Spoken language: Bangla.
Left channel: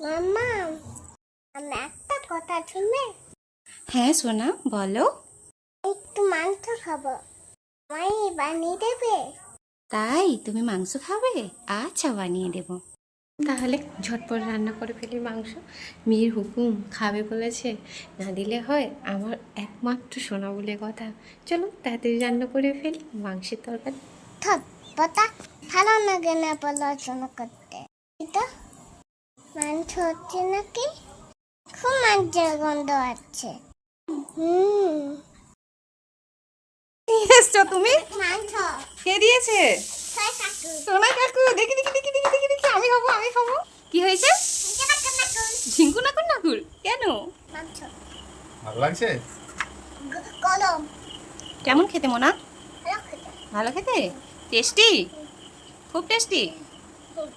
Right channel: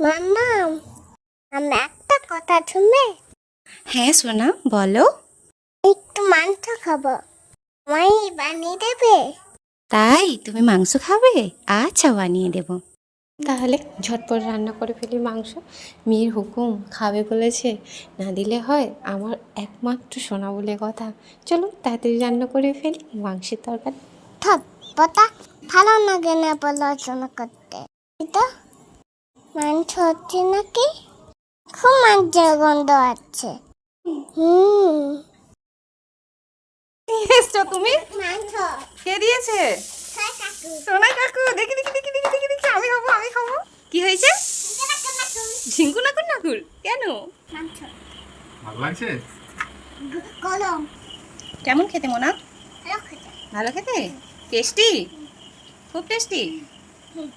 মাম্মা আমি একটা কথা শুনবে? হ্যাঁ সোনা বলো। একটু মাংস খাব। আমায় বানিয়ে দেবে? তাই তুমি মাংস খাবে? আচ্ছা বানিয়ে দেবো। তাহলে ঝটপট রান্না করে ফেলি মাংস। মেয়ের হুকুম খাবে বলেছে। না দিলে হয় আমার একমাত্র সোনা বলে কথা। চলো তাড়াতাড়ি রান্না করে ফেলি। মাংসের তরকারি। থট পতা ভালো লাগে না পড়াশোনা করতে। এটা মাংস হচ্ছে নাকি? খুব মাংসের গন্ধ আছে। হুম। এসছো তুমি? মাংস। কে দিয়েছে? সোনা কাকু। দেখি দেখি দেখি দেখি দেখি দেখি আমি খাব আমি খাব। কি হয়েছে? ঝিঙ্কু নাকুর নাকুর কেন? মাংস। ভালো লাগছে? গরম। কেমন খেতে মোনা? ভালো খেতে। ভালো খেতে? টেস্টি? খুব টেস্টি? হুম।